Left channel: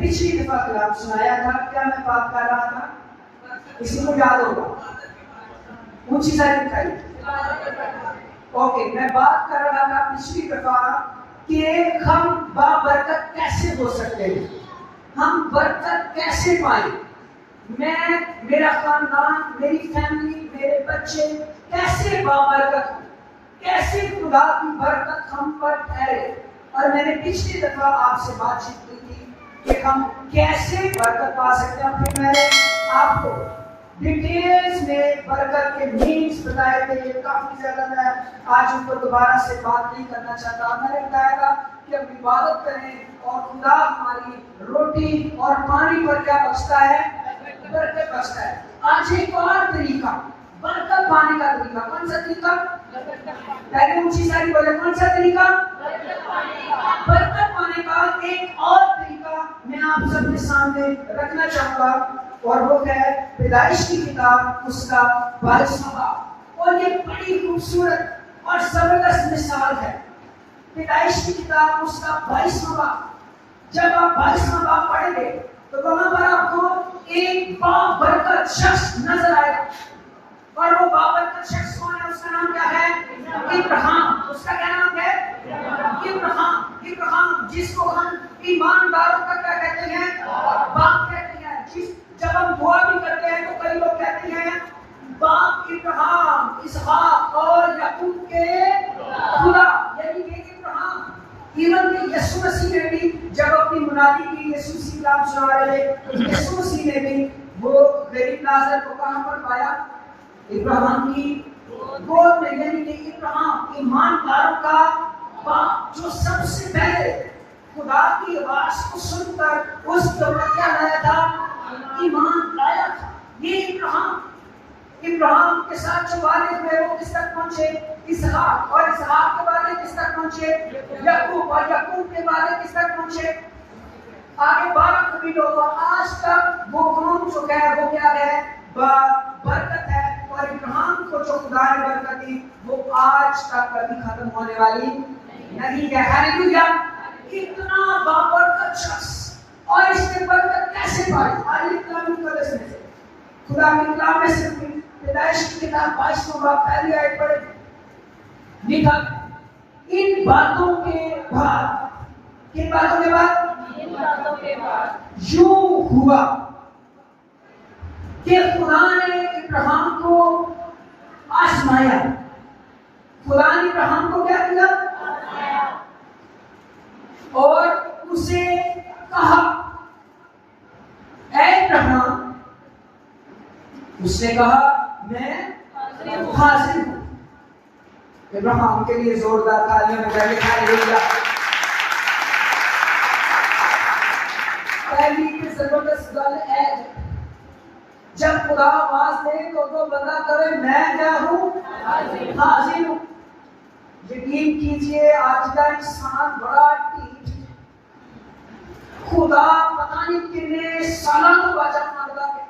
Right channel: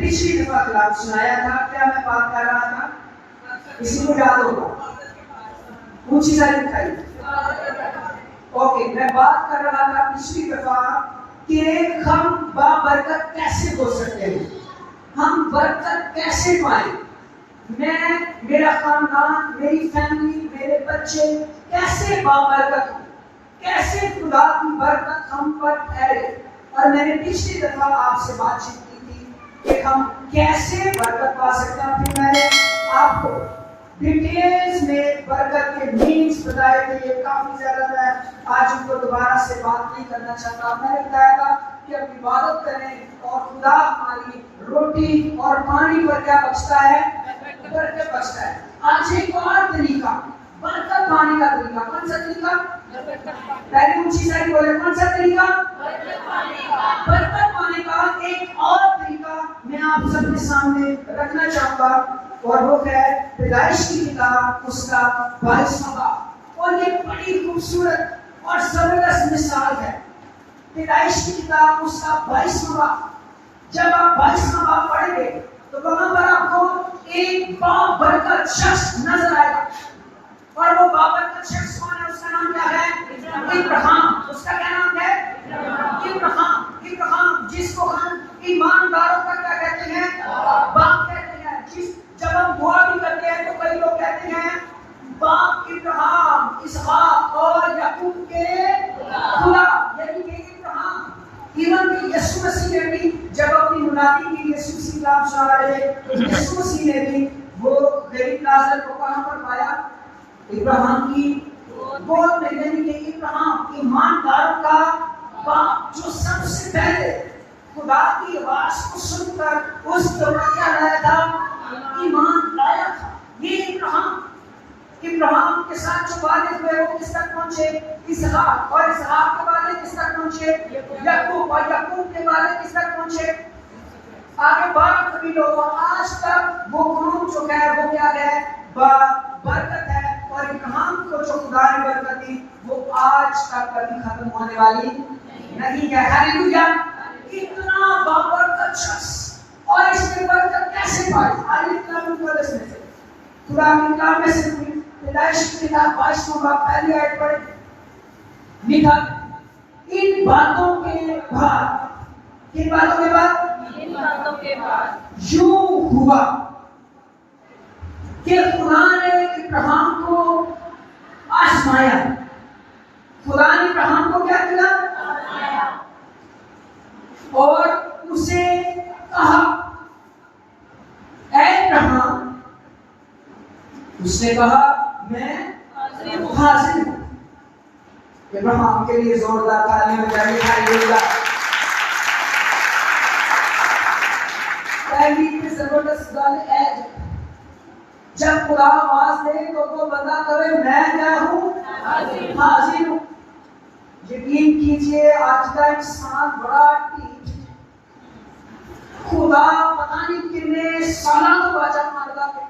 पिछली दफा क्लास सुनाया था, क्या मैं बात कर रहा था? किसी को याद होगा? ऊंची साइड उठाइए। ओके, मैं बात कर रहा था पिछली दफा कि हम बाबरकत कैसे हो सकते हैं, हम बरकत कैसे पाए। मैं, मेरा खानदान, मेरी फैमिली, मेरे बच्चे कैसे बाबरकत हो, कैसे खुदा की बरकत हम पर ठहरे। और मैंने पिछली दफा आपसे बातचीत की थी कि हम कैसे बरकत पा सकते हैं। फिर मैंने आपको डिटेल्स में बरकत के मीन्स बताए थे। ये काफी ज्यादा मैं आज उनको दोबारा से बात नहीं करना चाहता। मैंने बताया था कि हम इबादत करें और खुदा हमारी रोटी और पानी पर क्या बचता है? बरकत बचता है। आज एक और तरीका बरकत पाने का तरीका, कौन सा तरीका? पहले ऊंची साइड बोले, कौन सा तरीका? बरकत पाने का एक और तरीका मैं आप सबके सामने रखना चाहूंगा, और वो है पैदाइश की किताब उसका 22वां बाब। और ये बड़ी खूबसूरत और जबरदस्त मिसाल है। पैदाइश की किताब उसका 22वां बाब, जब आप 22वां बाब पढ़ेंगे तो वहां पर आपको एक बाबरकत शख्स नजर आएगा। और वो बाबरकत शख्स कौन है? उसका नाम क्या है? इब्राहिम। उसका क्या नाम है? इब्राहिम, जिसको हम ईमानदारों का क्या कहते हैं? बाप कहते हैं। जब हम दुआ भी करते हैं तो कई लोग कहते हैं बाप इब्राहिम, इसहाक और याकूब के खुदा, यानी कि इब्राहिम। इवन कि यीशु मसीह ने भी जब अपनी मुनादी की, यीशु मसीह नाम सुना रहे थे, यीशु मसीह ने भी वो गरीब लाजर को कहां पर पाया? इब्राहिम की गोद में। यानी कि इब्राहिम ईमानदारों का बाप, जो सबसे पहले खुदा की आवाज को सुनकर उस दौरान क्या लाया था? ईमान लाया था। ये इब्राहिम के साथ जो वादे हुए वो किस तक पहुंचे? इसहाक। और इसहाक के वादे किस तक पहुंचे? याकूब। और याकूब के वादे किस तक पहुंचे? आगे 12 कबीलों। और आज तक वो कौम जो है वो क्या है? बरकत है। और इब्राहिम को जो खुदा ने बरकत दी वो आज तक कभी खत्म होने वाली नहीं है। हालेलुया। इतना बाबरकत शख्स, और इसने बरकत कैसे पाई? आइए इसमें से खुदा की कलाम में से पैदाइश की किताब 22वां बाब पहली आयत पढ़े। लिखा, इन बातों के बाद, किन बातों के बाद? इन बातों के बाद यूं हुआ कि खुदा ने इब्राहिम को आजमाया। खुदा ने इब्राहिम को क्या किया? और उसे कहा, ऐ इब्राहिम, उसने कहा मैं हाजिर हूं। इब्राहिम के लिए जोरदार तालियां बजाइए। हालेलुया। पहली की जबरदस्त गल है, जब खुदा आवाज दे तो बंदा करे मैं क्या हूं? हाजिर हूं। यकीन कीजिए आज का इंसान बड़ा ढीठ है। खुदा पता नहीं कितने सालों को बाजा मारता है।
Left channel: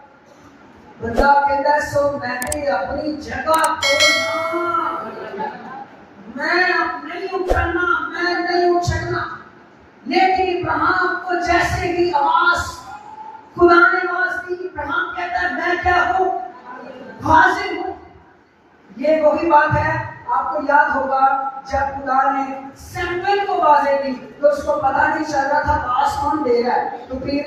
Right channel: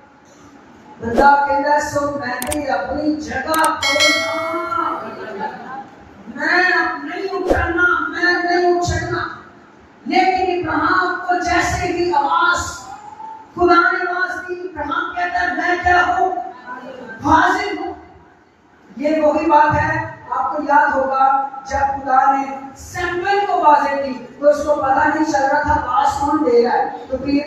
बंदा कहता है सो मैंने अपनी जगह छोड़ना, मैं नहीं उठना, मैं नहीं उछलना। लेकिन इब्राहिम को जैसे ही आवाज खुदा ने आवाज दी, इब्राहिम कहता है मैं क्या हूं? हाजिर हूं। ये वही बात है, आपको याद होगा जब खुदा ने सैमुएल को आवाज दी तो उसको पता नहीं चल रहा था आवाज कौन दे रहा है। तो फिर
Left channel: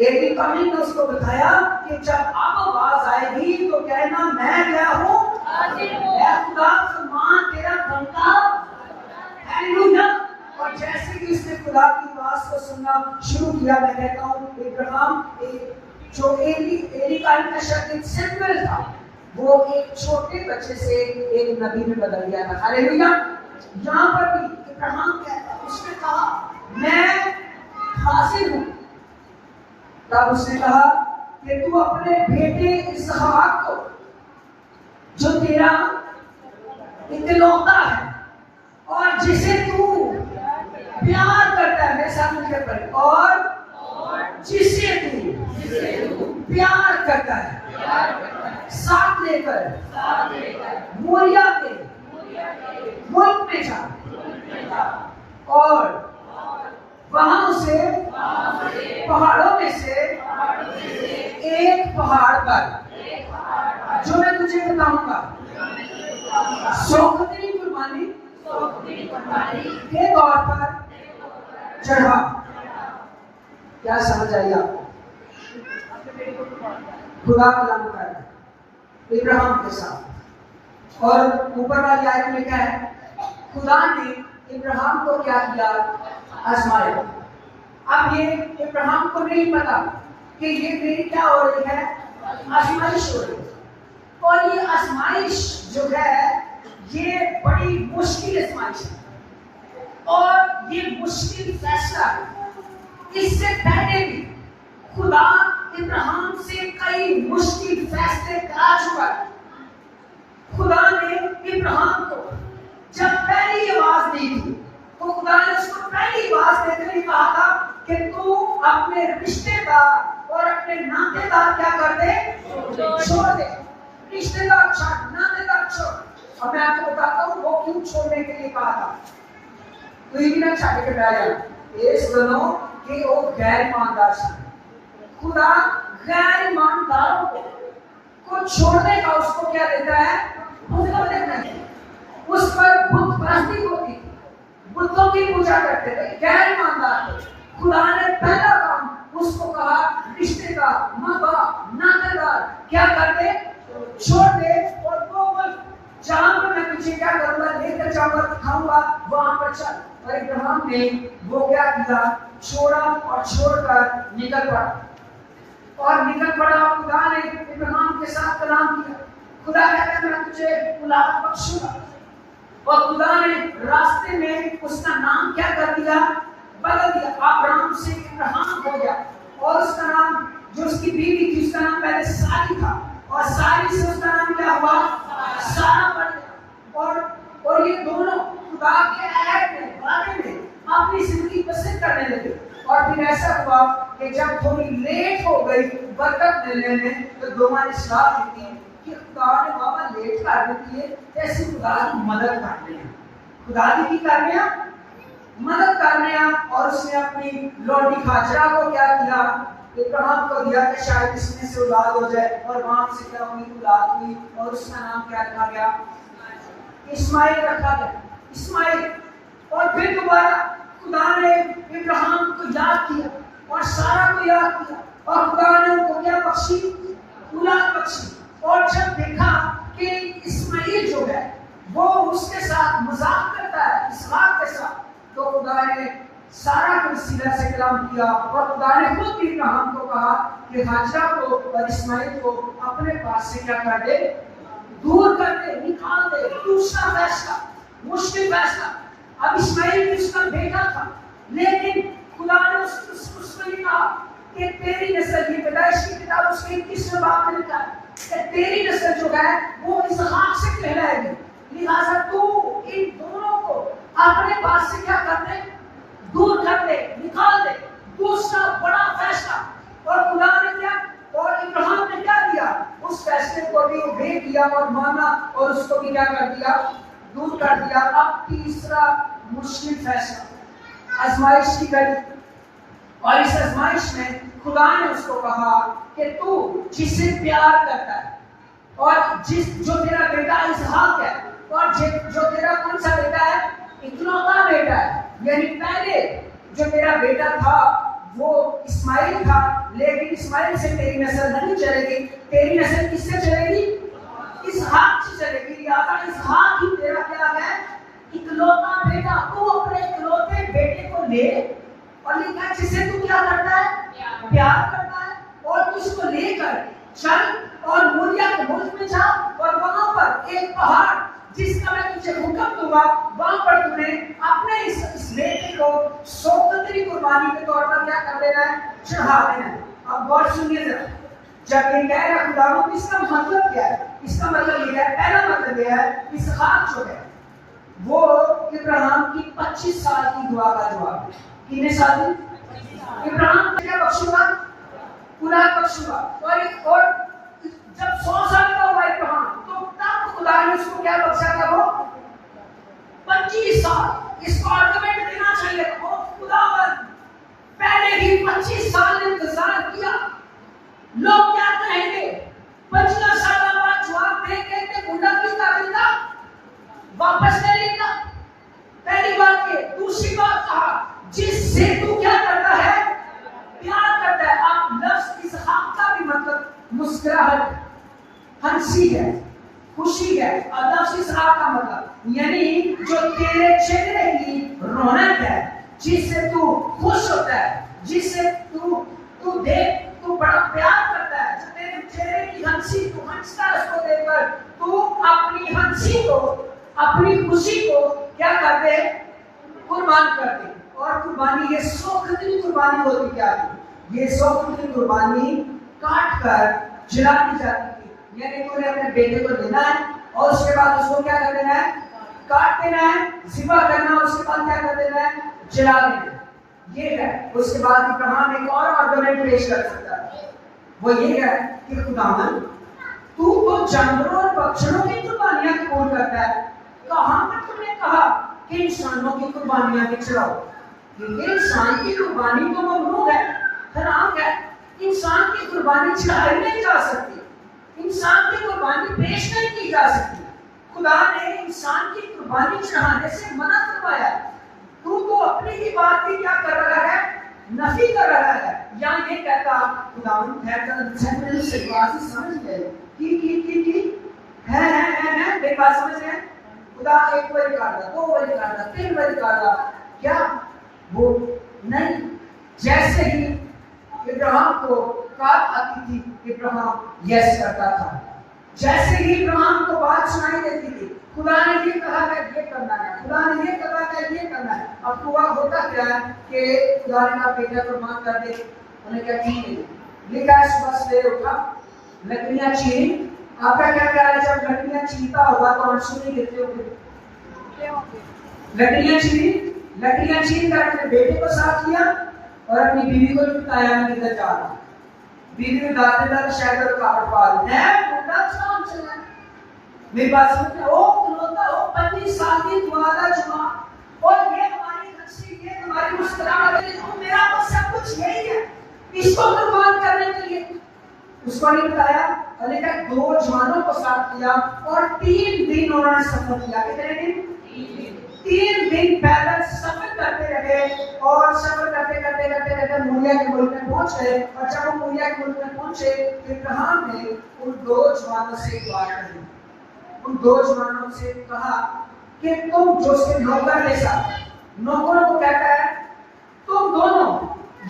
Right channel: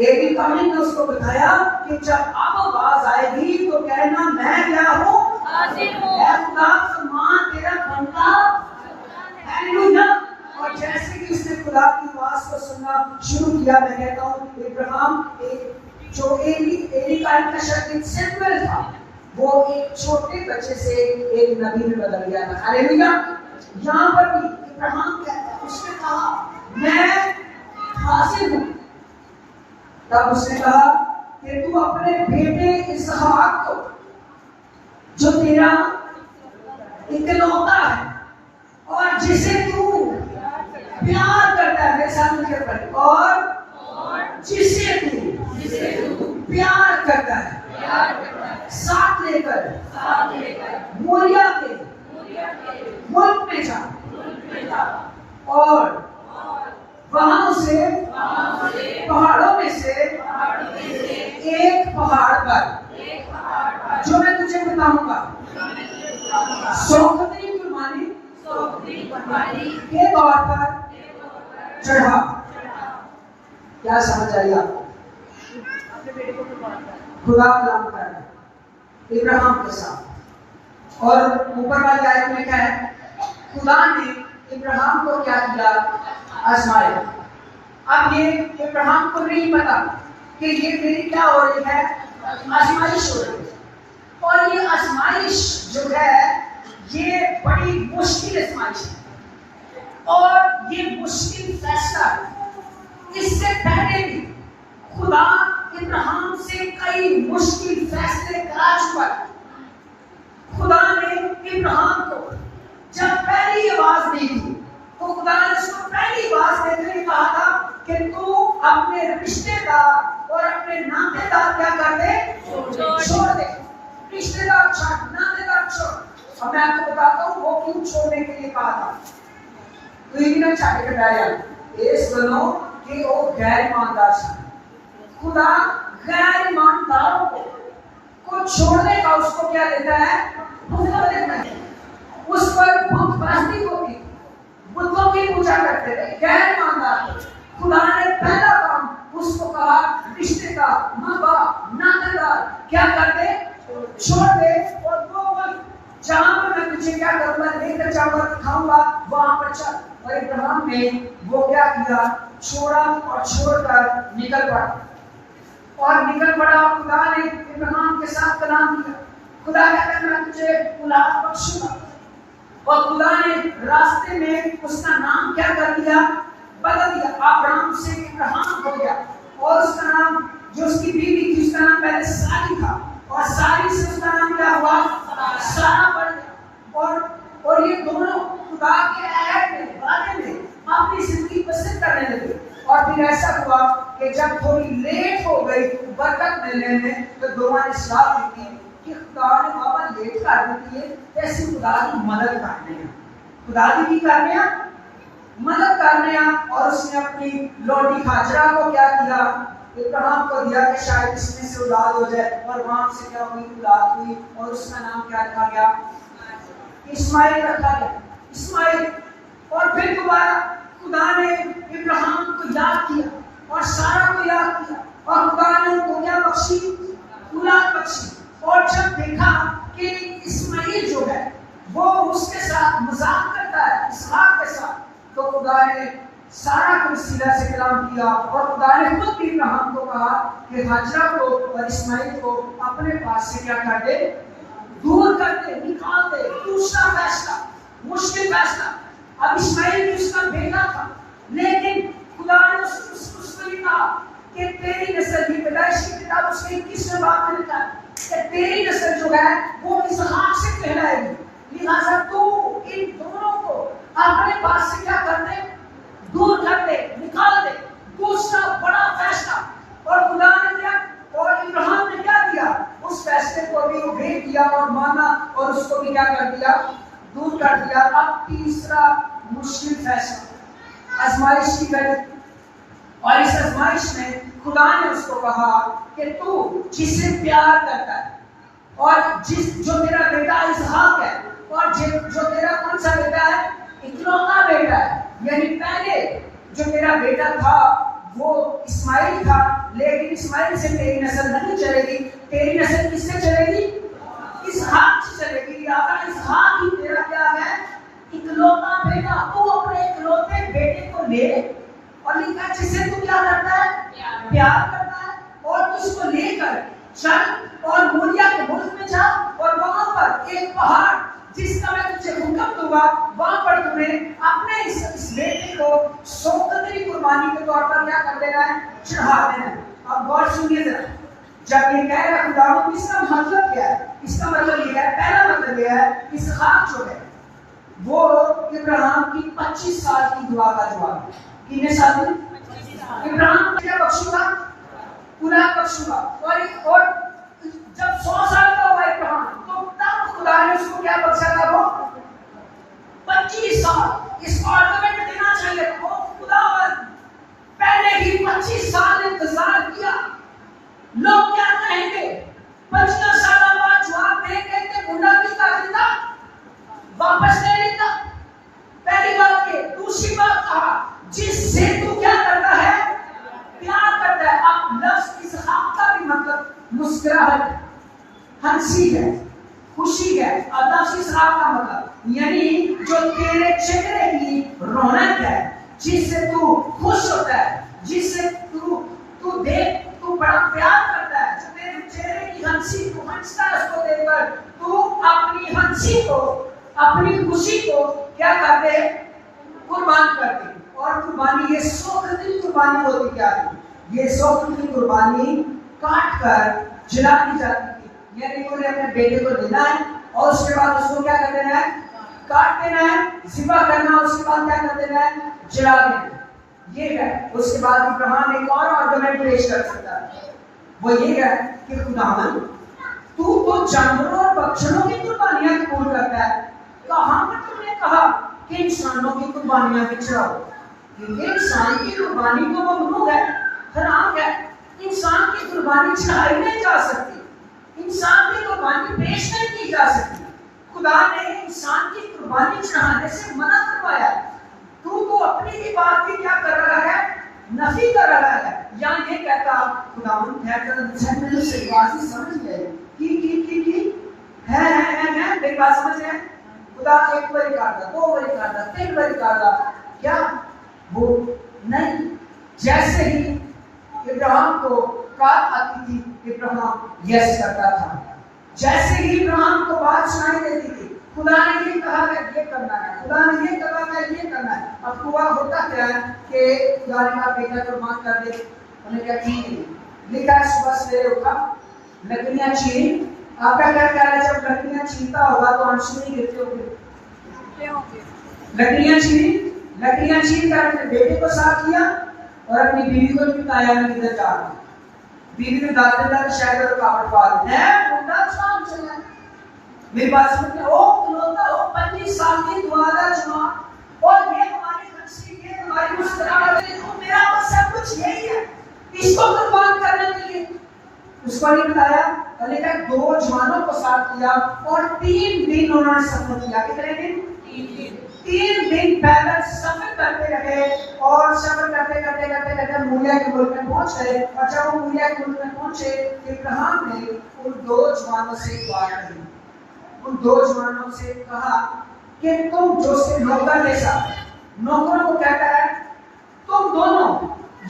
एडी कमिंग ने उसको बताया कि जब अब आवाज आएगी तो कहना मैं क्या हूं? हाजिर हूं। ऐ खुदा फरमान तेरा बंदा। हालेलुया। और जैसे कि उसने खुदा की आवाज को सुनना शुरू किया, मैं कहता हूं इब्राहिम जो एली का शख्स सैमुएल था, वो एक छोटे बच्चे से एक नबी में बदल गया था। हालेलुया। यहाँ पर भी इब्राहिम कहता, उसने कहा मैं हाजिर हूं। तब उसने कहा कि तू अपने बेटे इसहाक को, जो तेरा इकलौता है और जिसे तू प्यार करता है, मेरे साथ मिलकर पढ़े, और जिसे तू प्यार करता है, साथ लेकर मोरिया के मुल्क में जा और वहां उसे पहाड़ों में से एक पहाड़ पर जो मैं तुझे बताऊंगा, सौगंधरी कुर्बानी के तौर पर चढ़ा। क्या समझ आई आपको? खुदा कलाम कर इब्राहिम के साथ, और ऊपर वाली आयत में क्या है? खुदा ने इब्राहिम को क्या किया? आजमाया। अब ये इब्राहिम को नहीं पता कि ये मेरी क्या हो रही है? आजमाइश हो रही है। और ये आजमाइश जो है ये बड़ी मुश्किल आजमाइश है, और ये मुश्किल फैसला है। इससे पहले भी खुदा इब्राहिम से कई मुश्किल फैसले करा चुका है। खुदा ने इब्राहिम को जब पहली आवाज दी थी तो खुदा ने उसको पहली आवाज देते हुए कहा था कि तू अपने रिश्तेदार और अपने नातेदार क्या कर दे? छोड़ दे। रिश्तेदार छोड़, नातेदार छोड़। और मैं आपको बताता हूँ वो क्यों छोड़ने के लिए कहा था। तो ये भी ना चाहे के पहले इस दोनों कि वो गैर ईमानदार थे। खुदा गैर ईमानदारों को छोड़ने का उसको क्या देता है? हुक्म देता है। उस पर बुत परस्ती होती, बुतों की पूजा करते थे, गैर ईमानदार थे। खुदा ने पहला काम उसको कहा, रिश्तेदार, माँ बाप, नातेदार क्या कर दे? छोड़ दे। और वो जहां पर मैं तुझे क्या करूंगा, लेकर जाऊंगा, दिखाऊंगा, वहां पर चल। और इब्राहिम ने वो क्या किया? छोड़ा और छोड़कर निकल पड़ा। और निकल पड़ा। खुदा ने इब्राहिम के साथ कलाम किया। खुदा कहता है मैं तुझे औलाद बख्शूंगा। और खुदा ने रास्ते में उसका नाम क्या कर दिया? बदल दिया। अब्राम से इब्राहिम हो गया। और उसका नाम, जो उसकी बीवी थी, उसका नाम पहले सारी था, और सारी से उसका नाम क्या हुआ? सारा पड़ गया। और ये दोनों खुदा के ऐड में, वादे में अपनी जिंदगी बसर करने लगे। और फिर ऐसा हुआ कि जब थोड़ी लेट हो गई बरकत मिलने में, तो दोनों ने सलाह दी थी कि खुदा ने बाबा लेट कर देती है, ऐसी खुदा की मदद करने हैं। खुदा की करने हैं, मदद करने हैं। और उसने अपनी लोटी हाजरा को क्या किया? इब्राहिम को दिया कि शायद इसमें से औलाद हो जाए। और वहां से क्या हुई? औलाद हुई। और उसका नाम क्या रखा गया? इस्माइल रखा गया। इस्माइल। और फिर दोबारा खुदा ने इब्राहिम को याद किया और सारा को याद किया, और खुदा ने उनको क्या बख्शी? औलाद बख्शी। और जब देखा कि इस्माइल जो है वो उसके साथ मजाक करता है, इसहाक के साथ, तो खुदा ने सारा के वसीला से कलाम किया। और खुदा ने खुद भी इब्राहिम को कहा कि हाजरा को और इस्माइल को अपने पास से क्या कर दे? दूर कर दे, निकाल दे। दूसरा फैसला, मुश्किल फैसला। अब इस्माइल उसका बेटा था, लेकिन खुदा ने उसको कहा कि तेरी नस्ल, की पैदाइश की किताब उसके 21वें बाब में लिखा है कि तेरी नस्ल जो है वो इसहाक से कहलाएगी। लिहाजा तू इन दोनों को अपने पास से क्या कर दे? दूर कर दे, निकाल दे। दूसरा बड़ा फैसला। और खुदा ने क्या, और इब्राहिम ने क्या किया? उस फैसले को भी ओबे किया और माना, और उसको भी क्या कर दिया? दूर कर दिया। अब तीसरा मुश्किल फैसला, आजमाइश की घड़ी। और इस आजमाइश में खुदा ने उसको कहा कि तू जिसे प्यार करता है, और जो तेरा बेटा इसहाक है, और जो तेरा कौन सा बेटा है? इकलौता बेटा है। यानी पहले जो तेरा बेटा था वो इस्माइल था, लेकिन इस्माइल से तेरी नस्ल नहीं चलेगी। तेरी नस्ल किससे चलेगी? इसहाक से चलेगी। लिहाजा इसहाक ही तेरा क्या है? इकलौता बेटा। तू अपने इकलौते बेटे को ले, और लिखा जिसे तू क्या करता है? प्यार करता है। और तू इसको लेकर चल और मोरिया के मुल्क में जा, और वहां पर एक पहाड़ जिसका मैं तुझे हुक्म दूंगा, वहां पर तूने अपने इस बेटे को सौगंधरी कुर्बानी के तौर पर क्या कर देना है? चढ़ा देना है। अब गौर सुनिए जरा, जब ये कह रहा खुदावंद, इसका मतलब क्या है? इसका मतलब ये है, पहला मतलब ये है, इसहाक जो है वो इब्राहिम की 25 साल की दुआ का जवाब है। कितने साल की? इब्राहिम को क्या बख्शूंगा? औलाद बख्शूंगा। और जब 100 साल का हुआ इब्राहिम, तो तब खुदा ने उसको क्या बख्शा था? वो 25 साल। इसको आर्गुमेंट देना चाहिए, वो खुदावंद पहले ही 25 साल मुस्कुराहट है, हंसी है, खुशी है। अल्लाह से का मतलब यानी जो तेरे चेहरे की रौनक है, जिससे तू खुश होता है, जिससे तू देख तू बड़ा प्यार करता है, जो तेरे चेहरे की हंसी, तू हंसता है उसको देखकर, तू अपनी हंसी को, अपनी खुशी को क्या कर दे, कुर्बान कर दे। और कुर्बानी ये शौक की कुर्बानी होती क्या है, ये शौक की कुर्बानी काट कर जला दी जाती थी। यानी तूने अपने बेटे को लेना है और उसके बाद उसको क्या कर देना है, काट देना है, ज़िबा करना, उसके बाद क्या कर देना है, जला देना। ये है। उसके बाद इब्राहिम एक और आर्गुमेंट पेश कर सकता है, वो ये है कि खुदावन तू तो जानवरों और पक्षियों की कुर्बानियां कबूल करता है, कहां पर तुमने कहा कि इंसानों की कुर्बानियां भी चढ़ाओ? क्योंकि इंसान की कुर्बानी तो ममनू है, हराम है। इंसान की कुर्बानी चढ़ाई नहीं जा सकती, इंसान की कुर्बानी पेश नहीं की जा सकती। खुदा ने इंसान की कुर्बानी चढ़ाने से मना करवाया। तू तो अपनी ही बात की क्या कर रहा है, नफी कर रहा है। या ये कहता खुदावन समझ गए कि है मेरी बात समझ रहे हैं? खुदा एक बारी काटता, दो बारी काटता, तीन बारी काटता, क्या वो नहीं? जैसे ही इब्राहिम को काट आती थी, इब्राहिम यस करता था। जैसे ही इब्राहिम को बात सुनाई देती थी, खुदा ने ये कहा है ये करना है, खुदा ने ये कहा है ये करना है। अब हुआ होता क्या है कि खुदा ने कहा बेटा कुर्बान कर दे, उन्हें क्या ठीक है, लिखा है सुबह सवेरे उठा, लकड़ियां चीरी। आपका क्या ख्याल है, जब लकड़ियां चीरता होगा तो आंसू नहीं गिरते होंगे? लकड़ियां चीर कर अपने बेटे को साथ किया और अपनी बीवी को भी बताया मैं किधर जा रहा हूं। बीवी ने दादा शायद रुकावट पा ली है, मुंडा शाम चलना। मेरी बात समझते हो? खिलौता हो 25 साल की दुआदा जवान, और ये हमारी हंसी, ये हमारी मुस्कुराहट, तो मेरा तो सब कुछ यही है, इसको कुर्बान करने के लिए। उसको नहीं बताया, लेकिन 2 जवानों को साथ किया और 3 दिन उन्होंने सफर किया। कितने दिन? 3 दिन पैदल सफर करते रहे और सफर करते मूलिया के मुल्क में पहुंच गए। और जब वो मूलिया के मुल्क में पहुंचे, इब्राहिम ने उन 2 जवानों से दुआ की। उन 2 जवानों से कहा कि तुम जो उसके नौकर जैसा, नौकरों को कहता है तुम दोनों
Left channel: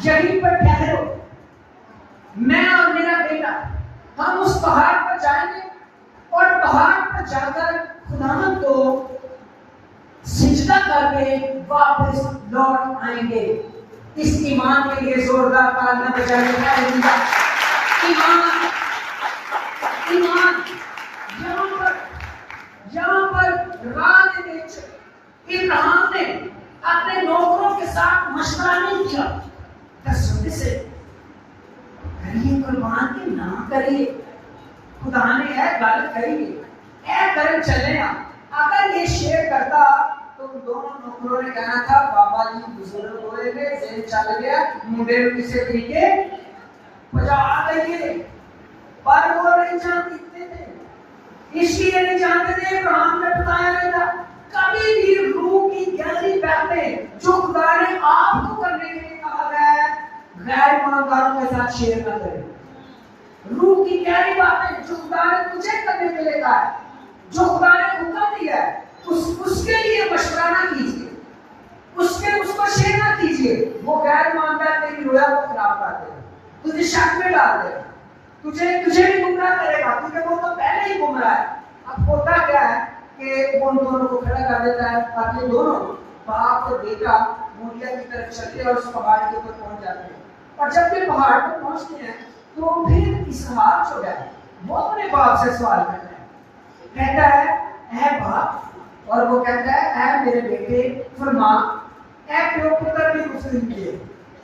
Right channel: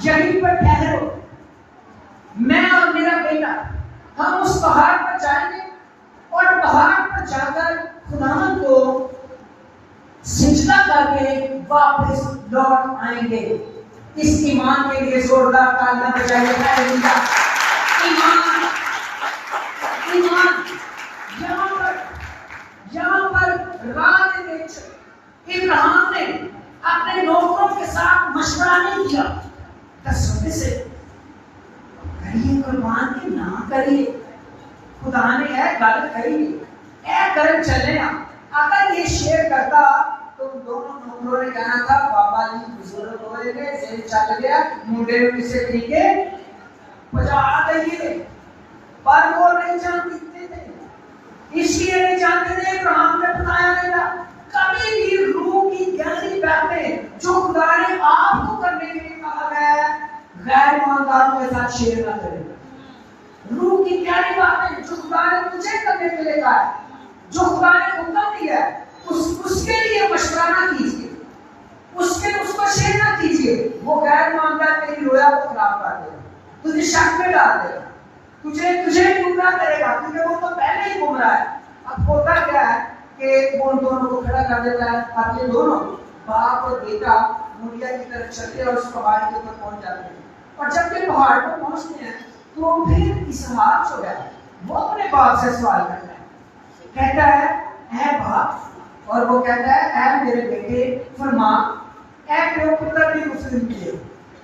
यहीं पर ठहरो, मैं और मेरा बेटा हम उस पहाड़ पर जाएंगे और पहाड़ पर जाकर खुदावन को सिजदा करके वापस लौट आएंगे। इस ईमान के लिए जोरदार तालियां बजाइए। ईमान, ईमान। यहाँ पर रात में इब्राहिम ने अपने नौकरों के साथ मशवरा नहीं किया, तस्वीर से करिए कुर्बान की ना करिए, खुदा ने है गल करिए, ऐ कर चले ना। अगर ये शेयर करता तो दोनों नौकरों ने कहना था बाबा जी बुजुर्ग हो गए, जेल चल गया, मुंडे को किसी तरीके पहुंचा देंगे। पर वो नहीं जानते थे, इसलिए नहीं जानते थे। इब्राहिम ने बताया नहीं था कभी भी रूह की गहरी बातें जो खुदा ने आपको करने के लिए कहा गया है, गैर ईमानदारों के साथ शेयर न करें। रूह की गहरी बातें जो खुदा ने तुझे करने के लिए कहा है, जो खुदा ने हुक्म दिया है, उसके लिए मशवरा ना कीजिए, उसको शेयर ना कीजिए। वो गैर ईमानदार तेरी रोया को खराब कर देगा, तुझे शक में डाल देगा, तुझे भी गुमराह करेगा, क्योंकि वो तो पहले ही गुमराह है। अब होता क्या है कि वो उन दोनों को खड़ा कर देता है, ताकि दोनों बाप और बेटा मूलिया की तरफ चलते और उस पहाड़ के ऊपर पहुंच जाते हैं। और जब ये पहाड़ पर पहुंचते हैं तो फिर इसहाक जो है वो अपने बाप से सवाल करता है, कहता है ऐ बाप, और वो कहता है ऐ मेरे बेटे फरमा, ऐ प्यो पुत्र की गुफ्तगू की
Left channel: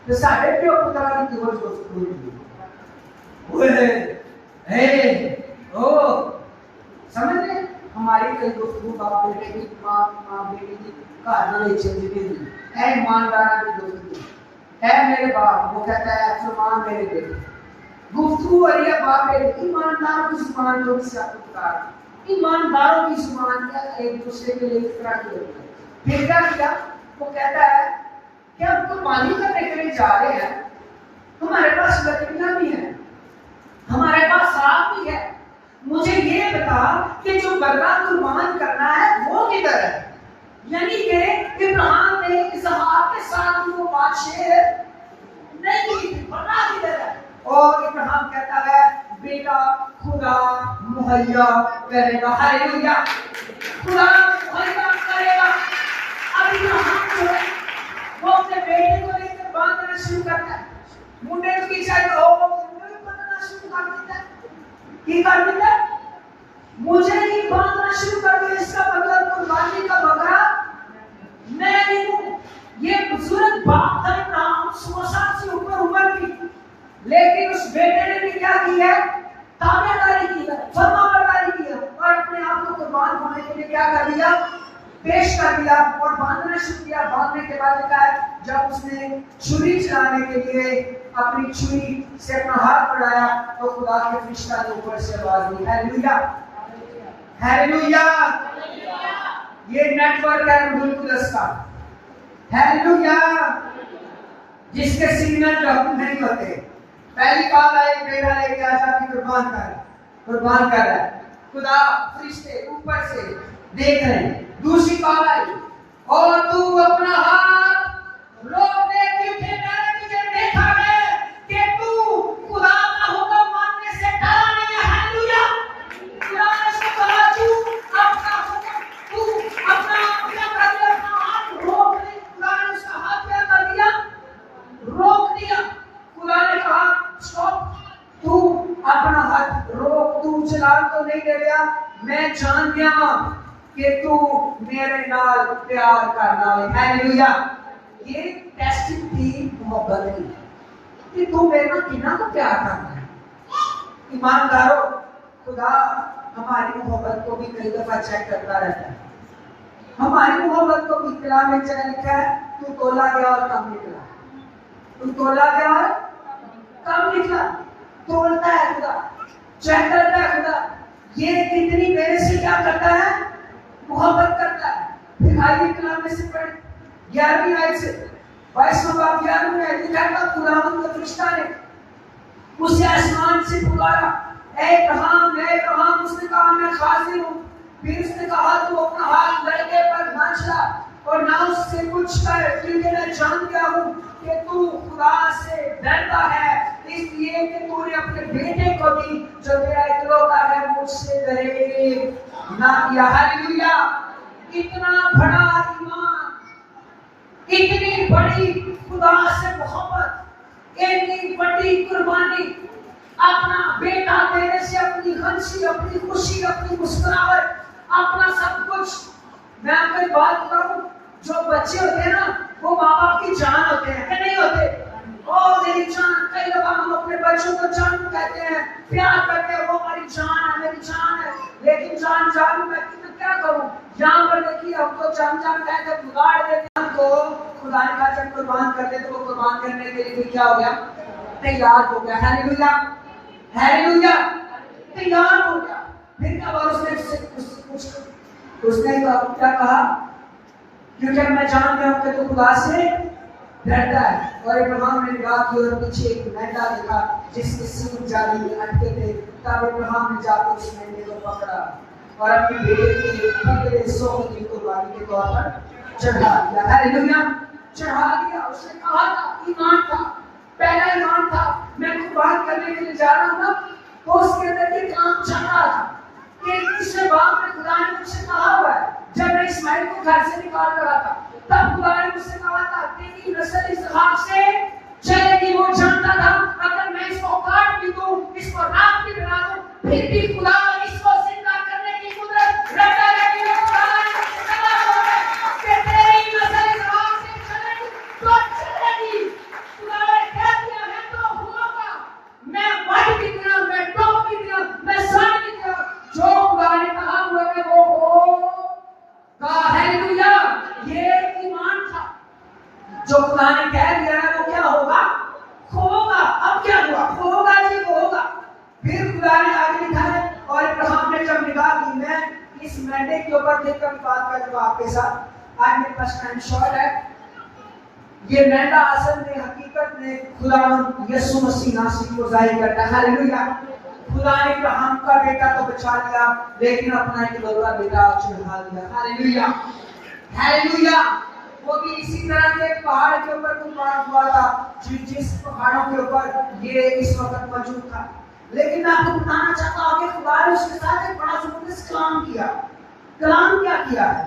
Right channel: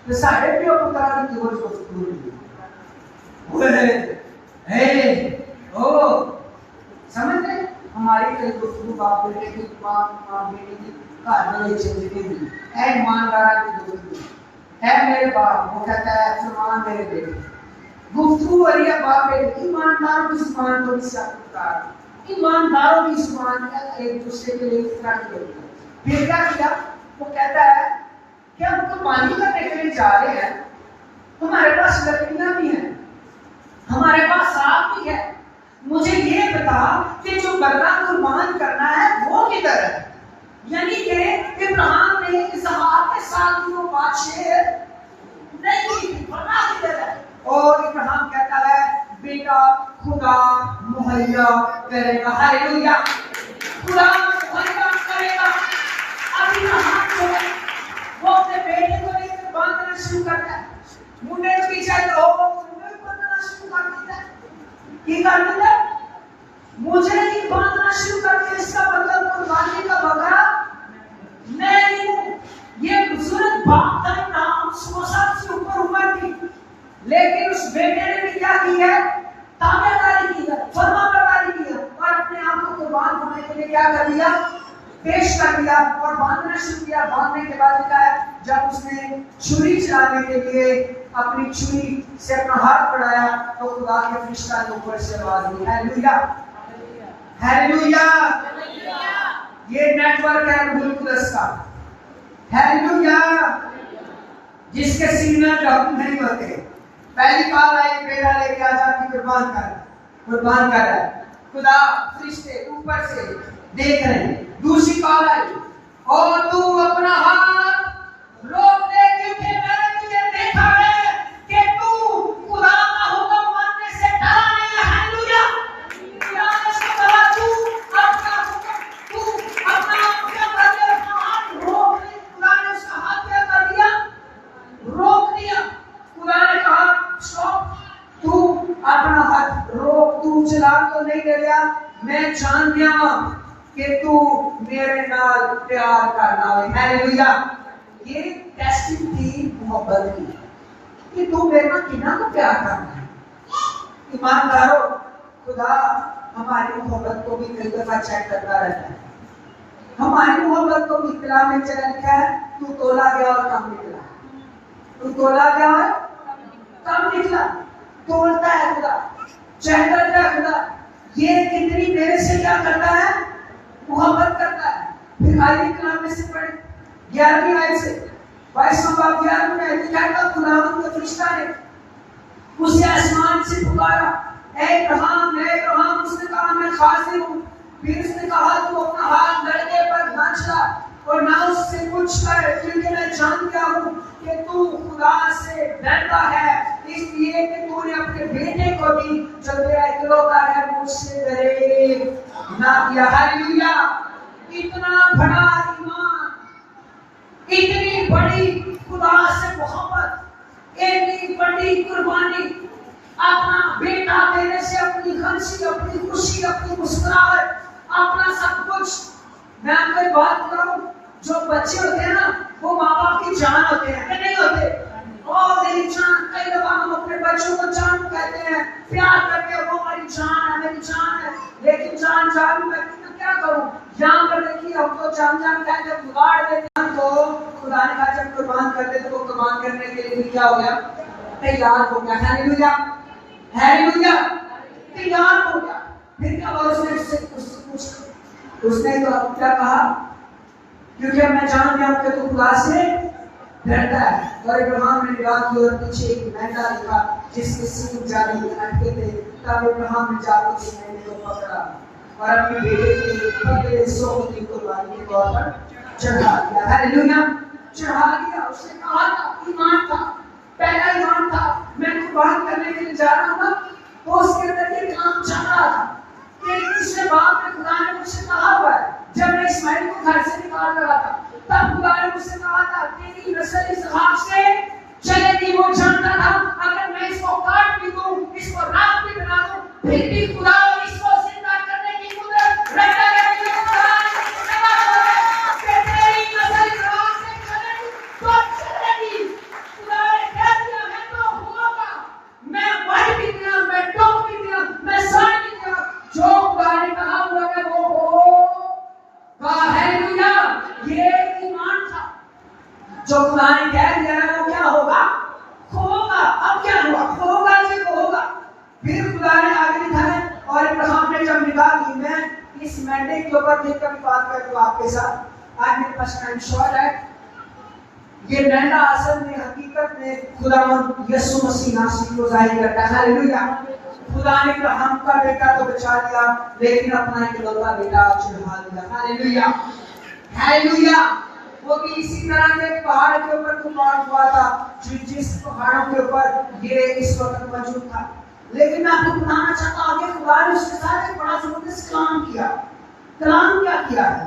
तो साढ़े प्यो पुत्र की गुफ्तगू की ओ समझ रहे? हमारी कई गुफ्तगू बाप बेटे की, मां बेटे की घर में जिंदगी दी ऐ ईमानदारा की गुफ्तगू, ऐ मेरे बाप, वो कहता है फरमान मेरे बेटे। गुफ्तगू और ये बाप बेटे, ईमानदारों की जुबान तो इसका ईमानदारों की जुबान एक दूसरे के लिए इस तरह की होती है। फिर क्या किया? वो कहता है कि हम तो पानी करने के लिए जा रहे हैं, हमारे पास लकड़ियां भी हैं, हमारे पास बकरा कुर्बान करना है वो किधर है? यानी कि इब्राहिम ने इसहाक के साथ वो बातचीत नहीं की, बकरा किधर है? और इब्राहिम कहता है बेटा खुदा मुहैया करेगा। हालेलुया, खुदा मुहैया करेगा। अब इब्राहिम जो है वो अपने बेटे को लेकर बांधना शुरू करता है। मुंडे के पीछे ओ बांधना शुरू कर देता है। की कर देता है? मुझे ही बांधना शुरू कर दिया। इसका मतलब कुर्बानी का बकरा मैं नहीं हूँ। ये बुजुर्ग बाप था इब्राहिम, 100 साल से ऊपर उम्र की, लेकिन उस बेटे ने भी क्या किया? ताबेदारी की है, फरमाबरदारी की है और अपने आप को कुर्बान होने के लिए क्या कर दिया? पेश कर दिया और बांधना शुरू किया। बांधने के बाद क्या है? जब उसने छुरी चलाने के लिए अपनी छुरी से अपना हाथ बढ़ाया तो खुदा के फरिश्ता ने ऊपर से आवाज दी। Hallelujah, hallelujah. ये नेटवर्क है रूल प्लस का। हालेलुया, जिसके सीने में हुक्म नहीं होते। पहली कॉल आई, बेटा लेके आजा कि कुर्बान कर रहा है। खुदा फरिश्ते ऊपर से देख रहे हैं। दूसरी कॉल आई, और तू अपना हाथ रोक दे क्योंकि मैंने तुझे देखा है कि तू खुदा का हुक्म मानने से डरा नहीं है। हालेलुया, खुदा ने उसको कहा तू अपना हुक्म, तू अपना क्या कर दिया? अपना हाथ रोक दे। खुदा ने उसका हाथ क्या कर दिया? रोक दिया। खुदा ने कहा स्टॉप, तू अपना हाथ रोक, तू चलान तो नहीं दे रहा, मैं जान गया कि तू मेरे नाल प्यार करना है। हालेलुया, ये टेस्टिंग थी मोहब्बत की कि तू मेरे को कितना को प्यार करना है। ईमानदारों, खुदा हमारी मोहब्बत को भी कई दफा चेक करता रहता है। हमारी मोहब्बत को भी कलाम में लिखा है, तू तोला गया और कम निकला। तू तोला गया और कम निकला। तोलता है खुदा, चेक करता है खुदा, ये कितनी मेरे से क्या करता है? मोहब्बत करता है। फिर आइए कलाम में से पढ़े 11वीं आयत से 22वां बाब 11वीं आयत लिखा है, खुदावंद के फरिश्ता ने उसे आसमान से पुकारा, ऐ इब्राहिम। उसने कहा मैं हाजिर हूँ। फिर उसने कहा तू अपना हाथ लड़के पर ना चला और ना उससे कुछ कर, क्योंकि मैं जान गया हूँ कि तू खुदा से डरता है, इसलिए कि तूने अपने बेटे को भी जो तेरा इकलौता है मुझसे डरे ना किया। हालेलुया, इतना बड़ा ईमान, इतनी बड़ी खुदा से मोहब्बत, इतनी बड़ी कुर्बानी, अपना बेटा देने से अपनी हंसी, अपनी खुशी, अपनी मुस्कुराहट, अपना सब कुछ। मैं आपको एक बात बताऊं, जो बच्चे होते हैं ना वो माँ बाप की जान होते हैं कि नहीं होते? और मेरी जान, कई दफा हम अपने बच्चों को जान कहते हैं, प्यार करते हैं, वो हमारी जान है, मेरी जान है। लेकिन जान मैं क्या करूं? यहाँ पर देखिए, हम तो जान कहते हैं, बिगाड़ देते हैं। तो खुदा ने कहा जब कुर्बान करते तो वो कुर्बान करने के लिए भी क्या हो गया? तैयार हो गया। हालेलुया, हालेलुया, तैयार हो गया। फिर क्या बोला उसने तो क्या कहा? क्योंकि मैं जान गया हूं कि तू खुदा से डरता है। और इब्राहिम ने निगाह की और पीछे एक मेंढा देखा जिसके सींग जाली अटके थे। तब इब्राहिम ने जाकर उस मेंढे को पकड़ा और अपने बेटे के पकड़े हिस्सों को कुर्बानी के तौर पर चढ़ा दिया। हालेलुया, चढ़ा दिया। उसने कहा था, ईमान था, पहला ईमान था, मैं कुर्बान करने के लिए जा रहा हूं ना, तो उसके अंदर ये काम चल रहा था। एक तीसरे बाब में खुदा ने मुझसे कहा हुआ है, जब मैं इस्माइल को घर से निकाल रहा था तब खुदा ने मुझसे कहा था तेरी नस्ल इसहाक से चलेगी। वो जानता था अगर मैं इसको काट भी दूं, इसको राख भी बना दूं, फिर भी खुदा इसको जिंदा करने की कुदरत रखता है। तेरी नस्ल इसहाक से चलेगी तो चलेगी। खुदा ने कह दिया है तो होगा। मैं बढ़ भी दिया, मैं टोक भी दिया, मैं साथ भी दिया, जो खुदा ने कहा हुआ है वो होगा। हालेलुया, ये ईमान था। जो खुदा ने कह दिया है वो क्या होगा? होगा। अब क्या हुआ? होगा जी, होगा। फिर खुदा ने आगे लिखा है, और इब्राहिम ने जब निगाह की, मैं इस मेंढे के ऊपर देखकर बात करूंगा आपके साथ। आज मेरे पास टाइम शॉर्ट है। ये मेंढा असल में हकीकत में खुदावंद यीशु मसीह नासरी को जाहिर करता है। हालेलुया, खुदा ने इब्राहिम का बेटा तो बचा लिया, लेकिन अपना इकलौता बेटा चढ़ा दिया। Hallelujah, hallelujah. वो भी इसी तरह के पहाड़ के ऊपर तूफान हुआ था, जिस पहाड़ों के ऊपर ये इस वक्त मौजूद था। लेकिन मैं आपको बताना चाहता हूं कि खुदा ने उसके साथ एक बड़ा जबरदस्त कलाम किया। कलाम क्या किया है?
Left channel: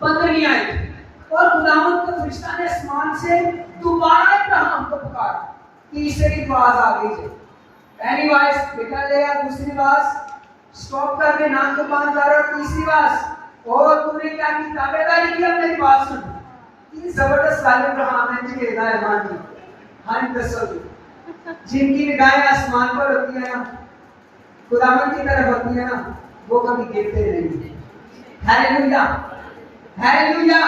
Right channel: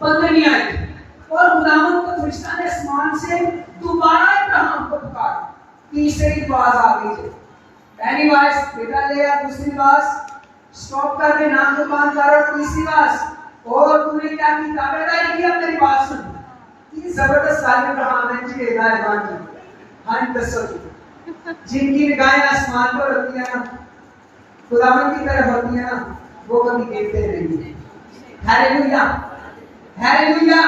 15वीं आयत, और खुदावंद का फरिश्ता ने आसमान से दोबारा इब्राहिम को पुकारा। तीसरी आवाज आ गई थी। पहली आवाज बेटा ले आ, दूसरी आवाज स्टॉप कर दे, नाम को बंद कर, और तीसरी आवाज और तूने क्या की? ताबेदारी की, अब मेरी बात सुन। ये जबरदस्त वाले इब्राहिम ने जी ईमान की, हम तसल्लुल, जिनकी निगाहें आसमान पर होती है ना, खुदावंद की तरफ होती है ना, वो कभी देखते नहीं। Hallelujah, hallelujah.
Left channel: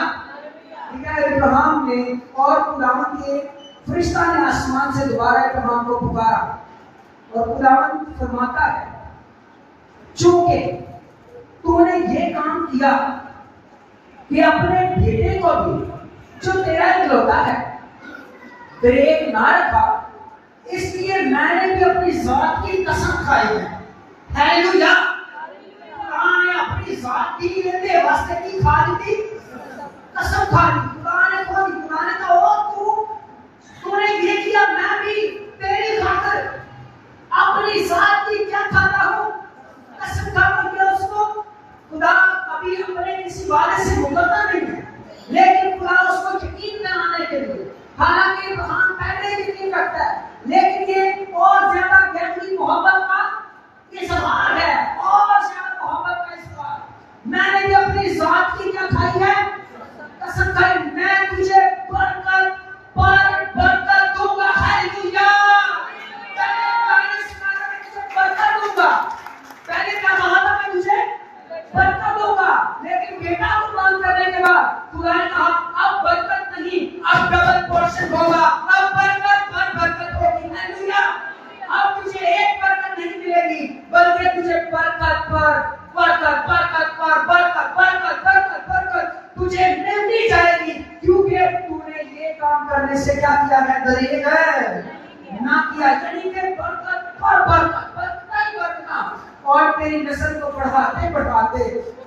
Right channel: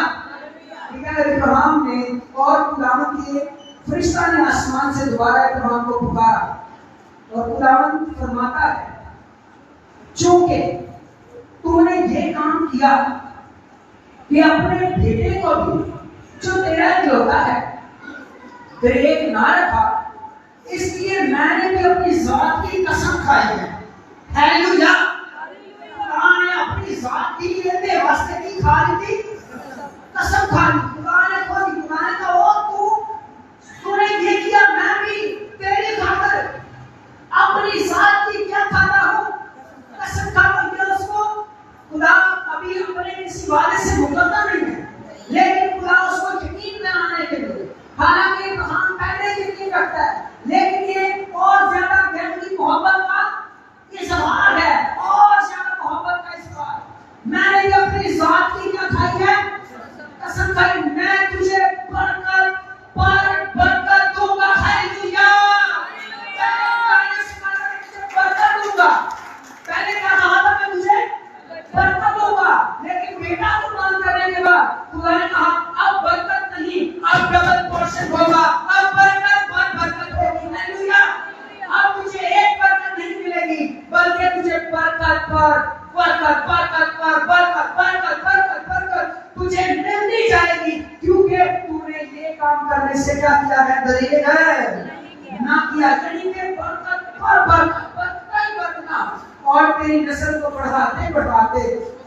ठीक है, इब्राहिम ने और खुदावंद के फरिश्ता ने आसमान से दोबारा इब्राहिम को पुकारा, और खुदावंद फरमाता है, चूंकि तूने ये काम किया कि अपने बेटे को भी, जो तेरा इकलौता है, ब्रेक ना रखा, इसलिए मैंने भी अपनी जात की कसम खाई है। हालेलुया। खुदा ने अपनी जात की लिए वास्ते की खा ली थी, कसम खा ली। खुदा ने कहा, ओ तूने ये किया, मैं भी तेरी खातिर अपनी जात की क्या खाता हूं, कसम खाता हूं। उसको खुदा कभी अपने किसी वादे से मुकरता नहीं है, लेकिन खुदा उसको यकीन दिलाने के लिए, हालांकि इब्राहिम पहले यकीन रखता है, लेकिन ये और ज्यादा गहरी मोहब्बत का इजहार है, और ज्यादा मोहब्बत का इजहार। मैंने भी अपनी जात की क्या खाई है, कसम खाई, मैं तुझे बरकत पर बरकत दूंगा। हालेलुया। बरकत दूंगा, पहले क्या कहा था, मैं तुझे बरकत दूंगा, लेकिन बेटा को प्रदान करने के बाद खुदा ने कहा, अब बरकत नहीं, अब डबल पोर्शन होगा, अब बरकत पर बरकत होगी। हालेलुया। अब तुझे एक बरकत नहीं मिलेगी, बल्कि तुझे बरकत पर बरकत, बरकत पर बरकत, बरकत बरकत बरकत तुझे मिलती जाएगी, क्योंकि तूने ये काम करने से क्या किया है, दलील है ना किया। यानी कि बरकत पर बरकत, बरकत ही बरकना, और तेरी नस्ल को बढ़ाते बढ़ाते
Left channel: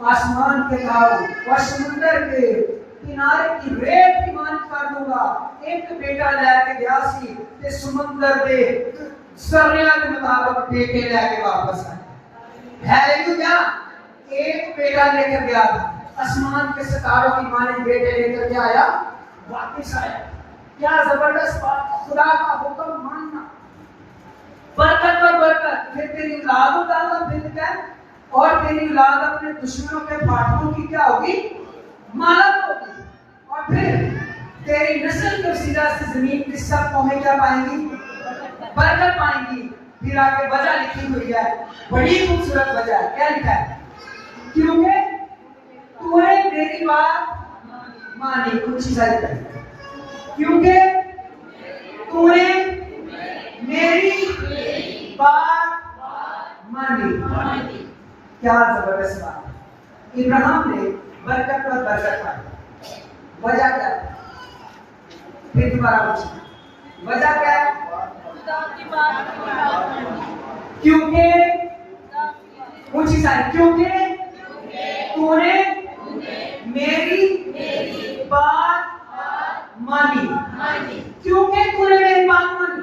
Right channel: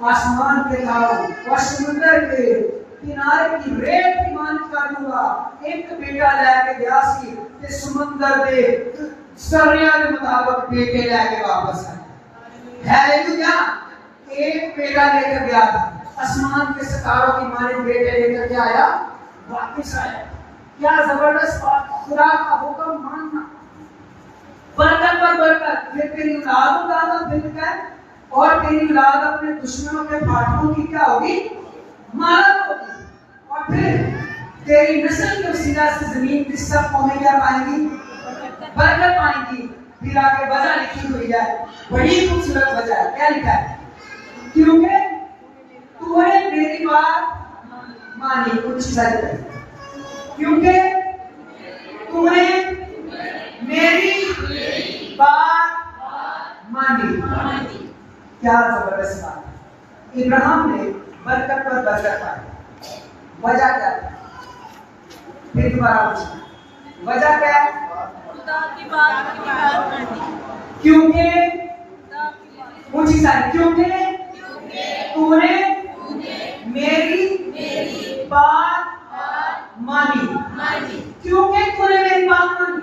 आसमान के घाव और समुद्र के किनारे की रेत की मालिक कर दूंगा। एक बेटा लेके गया सी ते समुद्र दे सरिया के मुताबिक बेटे लेके वापस आए। हालेलुया। एक बेटा लेकर गया था, आसमान के सितारों की मालिक बेटे लेकर के आया, वापस आया। क्या जबरदस्त बात, खुदा का हुक्म मानना, बरकत पर बरकत। फिर तेरी औलाद होगा, फिर क्या, और तेरी औलाद अपने दुश्मनों के फाटकों की क्या होगी, मालक होगी, और फिर तेरी नस्ल के वसीला से जमीन की सब कौमें क्या पाएंगी, बरकत पाएंगी। फिर आगे वजह लिखी हुई है, बड़ी खूबसूरत वजह है। क्या लिखा है? क्योंकि तूने मेरी बात मानी। कुछ चीजें, क्योंकि तूने मेरी बात मानी। क्या जबरदस्त बात। इब्राहिम ने बरकत पर बरकत पाई। वजह क्या है? फिर दोबारा पूछिए, वजह क्या है? क्योंकि ऊंची सारी, क्योंकि तूने मेरी बात मानी। क्योंकि तूने मेरी बात मानी,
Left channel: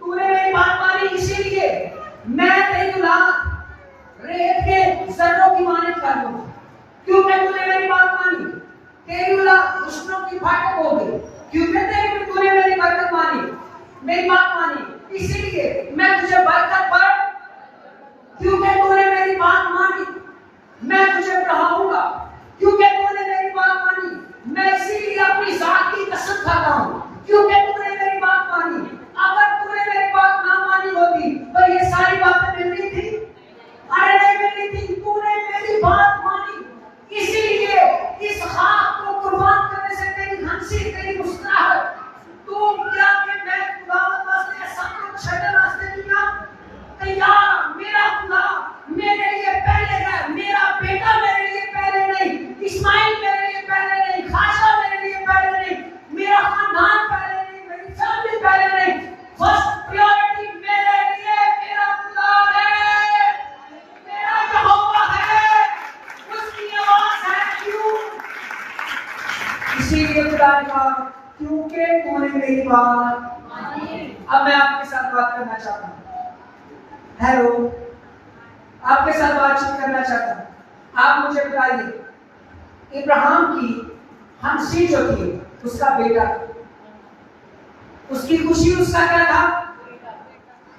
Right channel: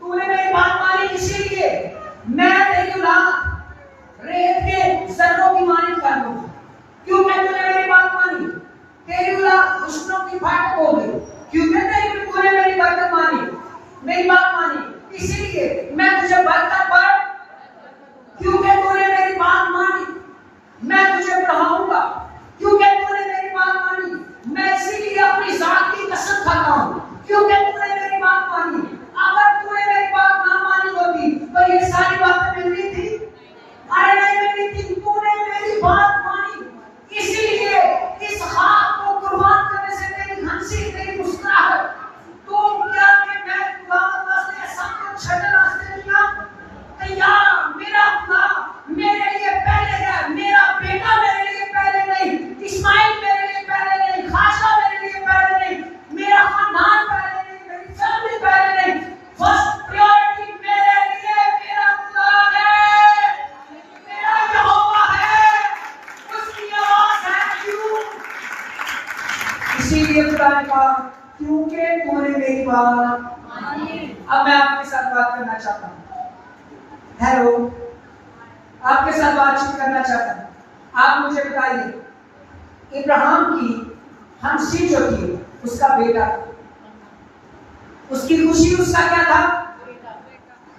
तूने मेरी बात मानी, इसीलिए मैं तेरी औलाद रेत के जर्रों की मालिक कर दूंगा। क्योंकि तूने मेरी बात मानी, तेरी औलाद दुश्मनों की फाटक हो गई। क्योंकि तूने मेरी बरकत मानी, मेरी बात मानी, इसीलिए मैं तुझे बरकत पर, क्योंकि तूने मेरी बात मानी मैं तुझे बढ़ाऊंगा। क्योंकि तूने मेरी बात मानी, मैं इसीलिए अपनी जात की कसम खाता हूं। क्योंकि तूने मेरी बात मानी, अगर तूने मेरी बात ना मानी होती तो ये सारी बातें मिलनी थी, अरे नहीं मिलनी थी। तूने मेरी बात मानी, इसीलिए इस खाक को कुर्बान करने से तेरी हंसी, तेरी मुस्कुराहट, तो क्या कि मैं खुदा वास्ते सब कुछ छड़े रास्ते दिया, साथ बात करना चाहता हूँ। हेलो, आपके साथ बातचीत करना चाहता हूँ। आप मुझे बताइए, इब्राहिम की हंसी जो थी उसका बेटा था, उसकी खुशी उसका क्या था?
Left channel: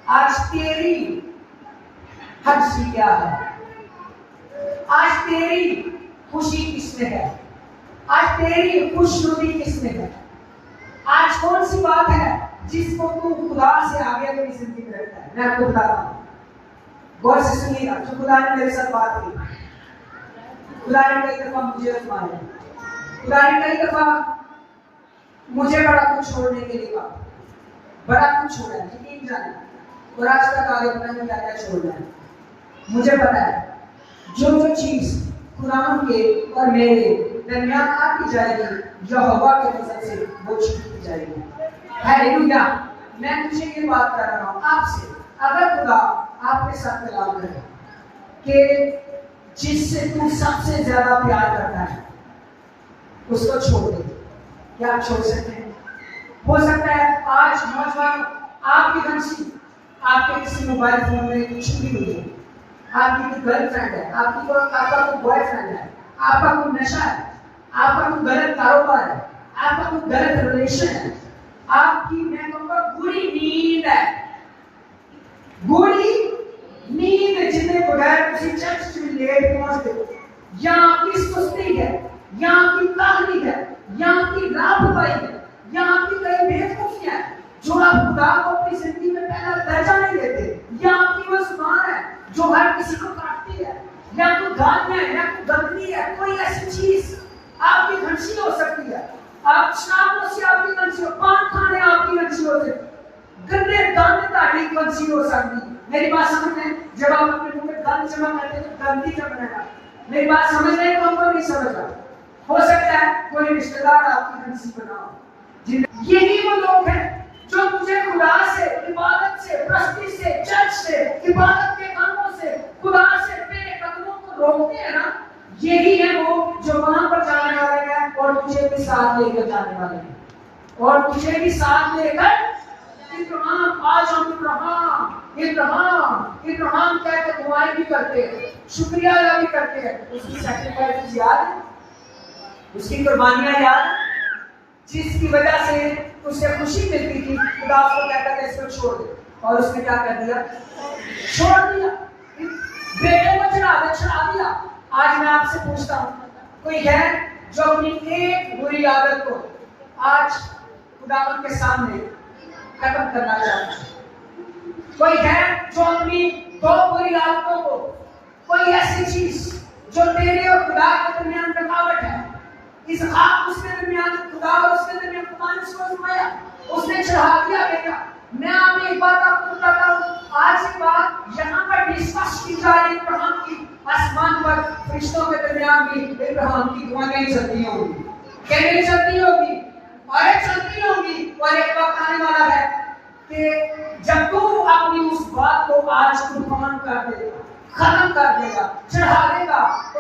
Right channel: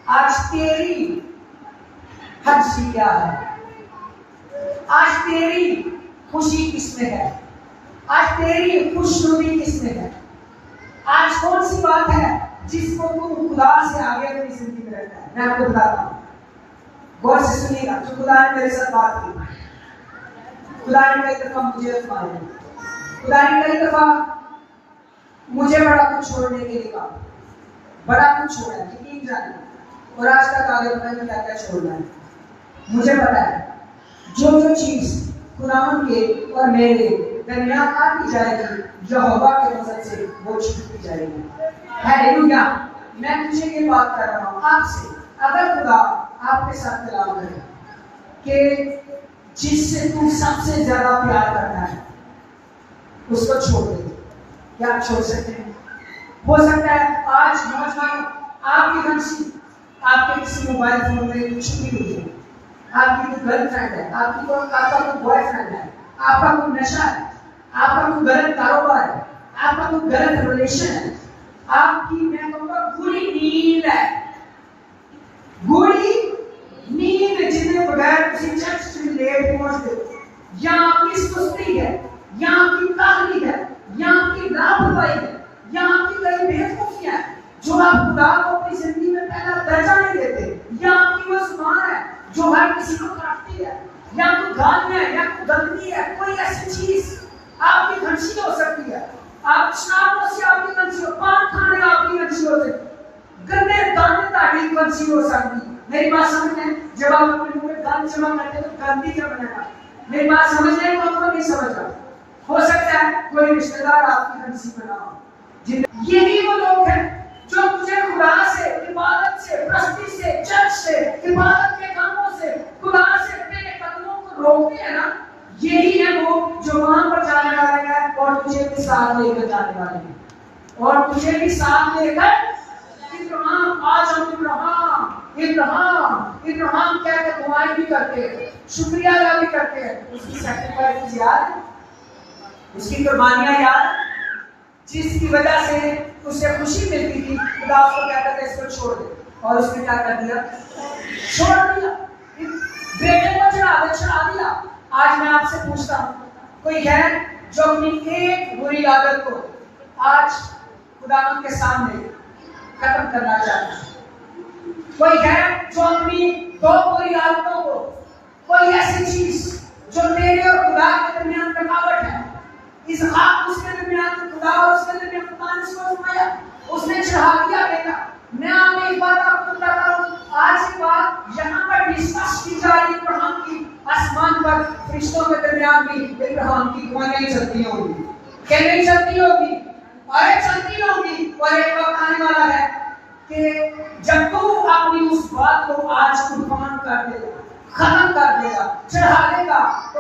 आज तेरी हंसी क्या है? आज तेरी खुशी किसमें है? आज तेरी खुशनुदी किसमें है? आज कौन सी बात है जिसको तू खुदा से आगे अपनी जिंदगी में रखता है? मैं आपको बताता हूँ, गौर से सुनिएगा। जो खुदा ने मेरे साथ बात की, खुदा ने कई दफा मुझे आजमाया, खुदा ने कई दफा मुझे बड़ा कुछ छोड़ने के लिए कहा, बड़ा कुछ छोड़ा है, यकीन जाने। और आज तक आगे पता नहीं क्या क्या छोड़ना है। मुझे पता है जो चीज खुदा के और मेरे दरमियान आती जाएगी, यहोवा के नजर से वो छूटती जाएगी। हालेलुया। मैं तुझे ये बात कर रहा हूँ आपसे, अगर खुदा आपके साथ कलाम करे कि जिससे तू सबसे ज्यादा प्यार करता है उसको छोड़ दे, क्या आप छोड़ सकते हैं? हो सकता है आज नौजवान आपकी हंसी आपके किसी मोबाइल फोन में छुपी हुई है, आपकी कोई गर्लफ्रेंड है, आपका कोई बॉयफ्रेंड है, आपका कोई नशा है, आपका कोई गलत कारोबार है, आपका कोई गलत रिलेशन है, आपकी मैं कहूँगा बुरी नींद है, बुरी नींद जिसके बगैर किसी चर्च से लेट पहुंचते हो, या आपकी सुस्ती है, या आपकी काहली है, या आपकी लापरवाही है, या आपकी कई बेवकूफियां हैं जो आप खुदा को अपनी जिंदगी में पहला दर्जा नहीं देते, या आपकी वो जुबान है जो हर किसी को काटती है, या कोई गालियां है, या कोई गंदगी है, कोई ऐसी चीज आपकी हंसी हो सकती है। आप शराबों से आपकी हंसी हो, पान खाने आपकी हंसी हो सकती है, गंदे दाने ताड़ी हंसी हो सकती है। मेरी बात समझ में? जब आप अपने मुंह में गंद जमा करते हैं तो गंदी क्या बनाएगा? मेरी बात समझ रहे हो? आपको नहीं समझ रहा? हो सकता है कोई रिश्तेदार आपकी हंसी बनाओ। यही वो लोग हैं जो तुझे खुदा से, इबादत से, प्रस्ती से, चर्च से, इबादत के कामों से, खुदा से तेरे कदमों को रोकते हैं ना, यही है वो जो वहां पर जाने वाले हैं और तुझे भी साथ लेकर जाने वाले हैं, और तुझे भी साथ लेकर इब्राहिम, आज हम इब्राहिम कहकर दुआएं भी करते हैं, शुक्रिया अदा भी करते हैं। उसकी सैक्रिफाइस याद है, उसकी कुर्बानियां याद है, जिसकी वजह से उसे खुशी मिलती थी। खुदा उसको कहता था इसको छोड़ दे, और उसने क्या कर दिया? छोड़ दिया, बेटे को चढ़ा दिया। आज मैं आपसे पूछता हूँ, कोई है जो अपनी एक बुरी आदत को आज खुदा के सामने खत्म करना चाहता है? कोई है जो अपनी दो बुरी आदतों को, कोई ऐसी चीज जो तेरे और खुदा के दरमियान रुकावट है, इस आप उसके दरमियान खुदा और उसके दरमियान खुदा ने उसको आजमाया, उसने चढ़ा दिया बेटा। मैं आपको एक बात आपको बताता हूँ, आज की बात यहाँ पर डिस्कस की जाएगी इब्राहिम की, आसमान पर फरिश्तों के दरमियान भी इब्राहिम की दुआएं चलती होंगी, क्या नहीं चलती होगी? और चलती होगी। और एक वक्त आने वाला है कि जब तू अपनी उस बात को आज कुर्बान कर देगा, खत्म कर देगा, चढ़ा देगा, तो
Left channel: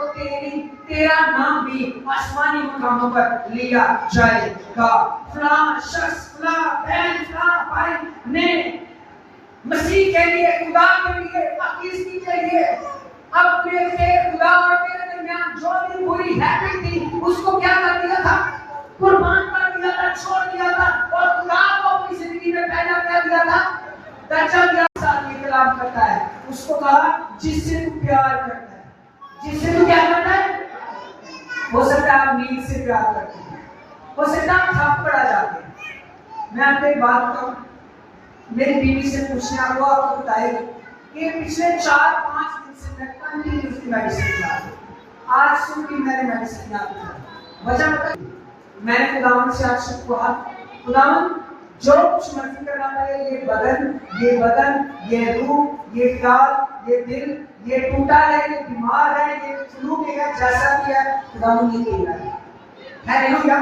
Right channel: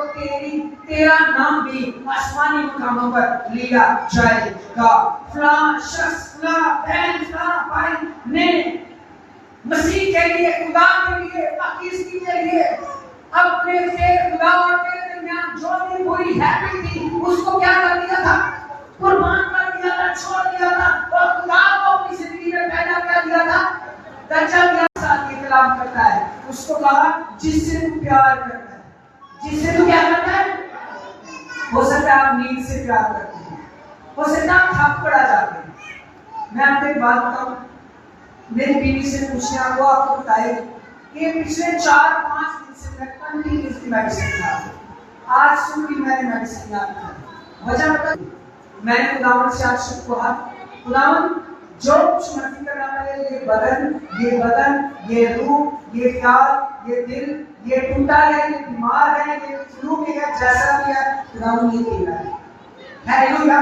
तेरा नाम भी आसमानी मकामों पर लिया जाएगा। फलां शख्स, फलां बहन, फलां भाई ने मसीह के लिए, खुदा के लिए, पाकिस्तान के लिए अपने तेरे खुदा और तेरे दरमियान जो भी बुरी हैबिट थी उसको क्या कर दिया था? कुर्बान कर दिया था, छोड़ दिया था, और खुदा को अपनी जिंदगी में पहला कर दिया था, दर्जा दिया। साथ ये कलाम करता है, उसको कहा जिससे तू प्यार करता है, जिससे तू क्या करता है? हो सकता है आप नींद से प्यार करते हैं, हो सकता है आप थक पड़ा जाते हैं। मैं आपको एक बात बताऊं, मेरी बीवी से पूछने आपको बताएगी कि पिछले 4-5 दिन से मैं कंटिन्यूसली मेडिसिन खा रहा हूं। आज सुबह भी मैंने मेडिसिन खा, वजह बता, मैंने खुदावन से आज शुक्र, खुदावन जो कुछ मर्जी करना है, ये बदन, ये रूह, ये ख्याल, ये दिल, ये टूटा है, ये बीमार है, ये फ्लू भी है, जैसा भी है, खुदावन ये तेरा है। हालेलुया।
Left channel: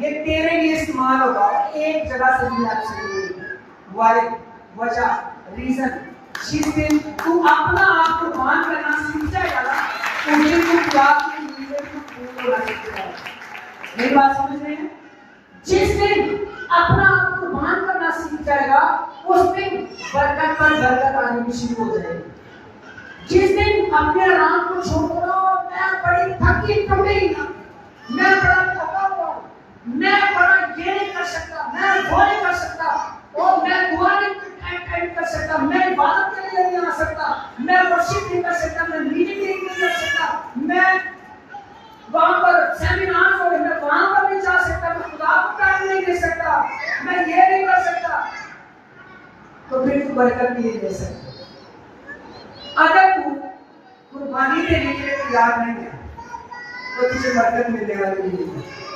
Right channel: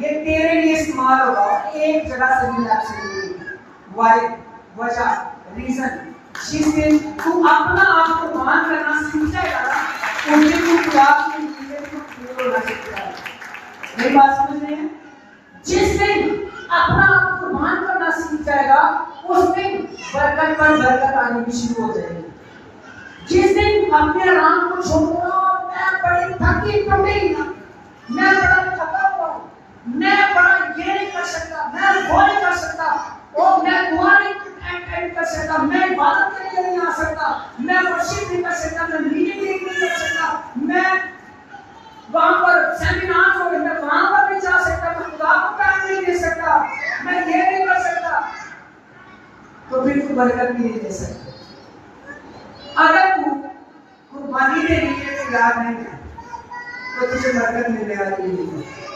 ये तेरे लिए इस्तेमाल होगा, एक जगह से भी आपसे वजह, रीजन, जिस दिन तू अपना आप को मान करना सीख जाएगा ना, उस दिन तू खुदा की नीयत को पूरा होना सीख जाएगा। मेरी बात समझ रहे हैं? जिस दिन अपना आप को मान करना सीख जाएगा, उस दिन बरकत पर बरकत आनी भी शुरू हो जाएगी। जिस दिन अपने आराम को छोड़ दो, मैं बड़ी थकी टूटी ना, मैं बड़ा थका हुआ हूँ, मैं बड़ा ये नहीं कर सकता, मैं वो नहीं कर सकता, और मैं दुआ नहीं कर सकता, मैं इबादत के लिए नहीं आ सकता, मैं वर्शिप नहीं कर सकता, मैं मीटिंग नहीं कर सकता, मैं वहां पर सेमिनार हो, मैं वहां पर नहीं जा सकता, मैं खुदा को टाइम नहीं दे सकता, मैं ये नहीं कर सकता, तो फिर तू बरकत भी नहीं दे सकता। अगर तू कुर्बानी देने के लिए तैयार नहीं है तो तुझे बरकत मिलने वाली नहीं है।